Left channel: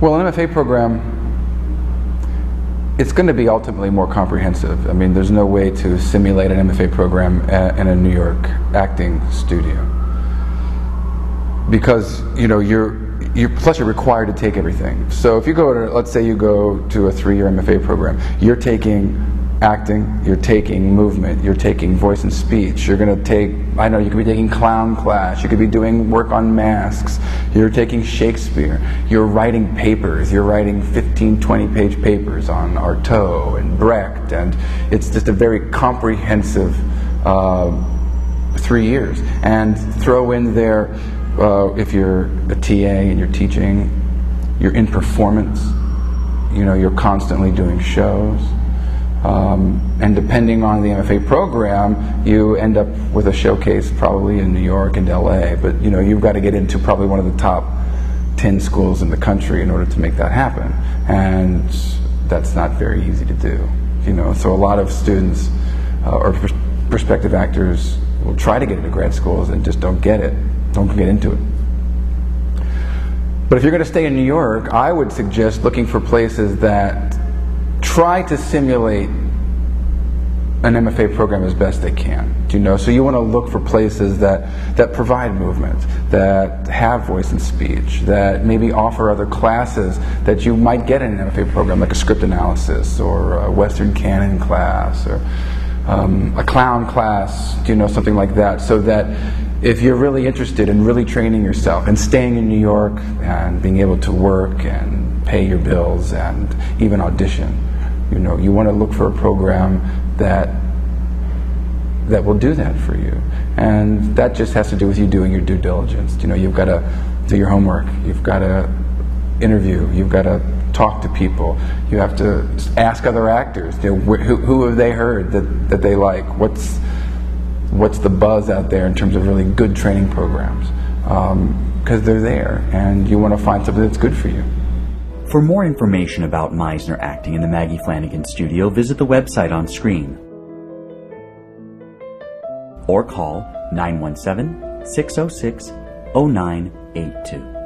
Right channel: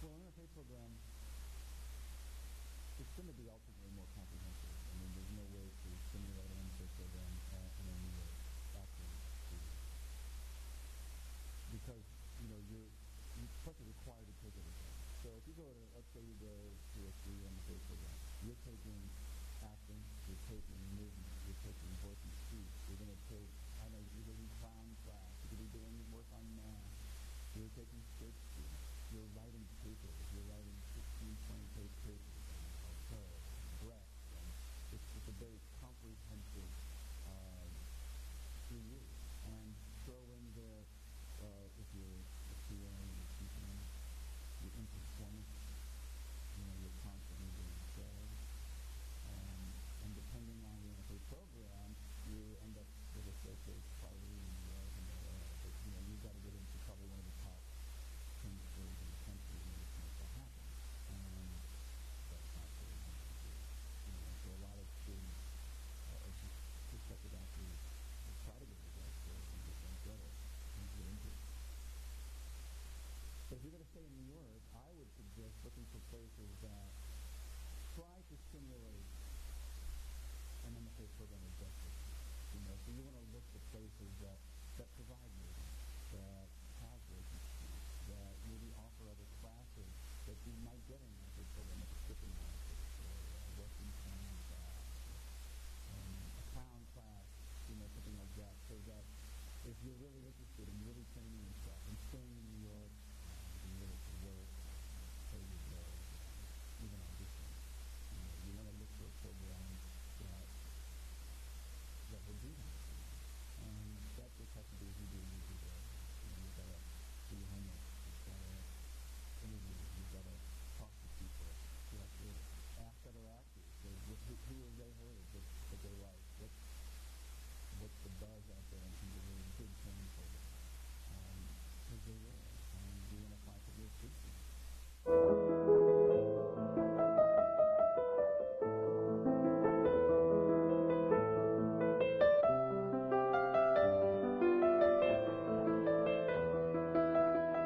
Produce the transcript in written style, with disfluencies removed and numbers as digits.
Well, an MFA program, it's going to be ultimately more comprehensive. I mean, there's no way to simulate an MFA program in a New York acting studio, because plus you're required to take everything. So if you go to, let's say you go to a 3-year MFA program, you're taking acting, you're taking movement, you're taking voice and speech, you're going to take, I know, you could be taking clown class, you could be doing work on masks, you're taking Shakespeare, you're writing papers, you're writing 15, 20-page papers on Artaud and Brecht, and it's just a very comprehensive 3 years. And throw in there, if you're a TA and you're teaching, you're in performance, you're constantly doing shows. And depending on the MFA program, you end up with a showcase probably in New York and LA, but you've got to get into probably one of the top 10 schools in the country in order to make that happen, and that's not very easy to do. So a lot of students or prospective actors will try to get into grad schools and just don't get into it. But if you're going to stay in New York, I would suggest looking for places that try to simulate an MFA program as best they can. So you want to look for places that provide movement, that have voice and speech, that maybe offer other classes that you might get in an MFA program, like a script analysis or a Western Canon class or a clown class, something like that, so that if you're really interested in really training yourself and staying in New York and being able to work and pay your bills and even audition, you want to look for a program that will do that for you. And that just has to do with you doing your due diligence. You've got to do your homework, you've got to interview, you've got to talk to people, you have to ask other actors, who have they heard that they like, what's the buzz out there in terms of really good training programs, because they're there, and you want to find something that's good for you. For more information about Meisner acting in the Maggie Flanigan studio, visit the website on screen or call 917-606-0982.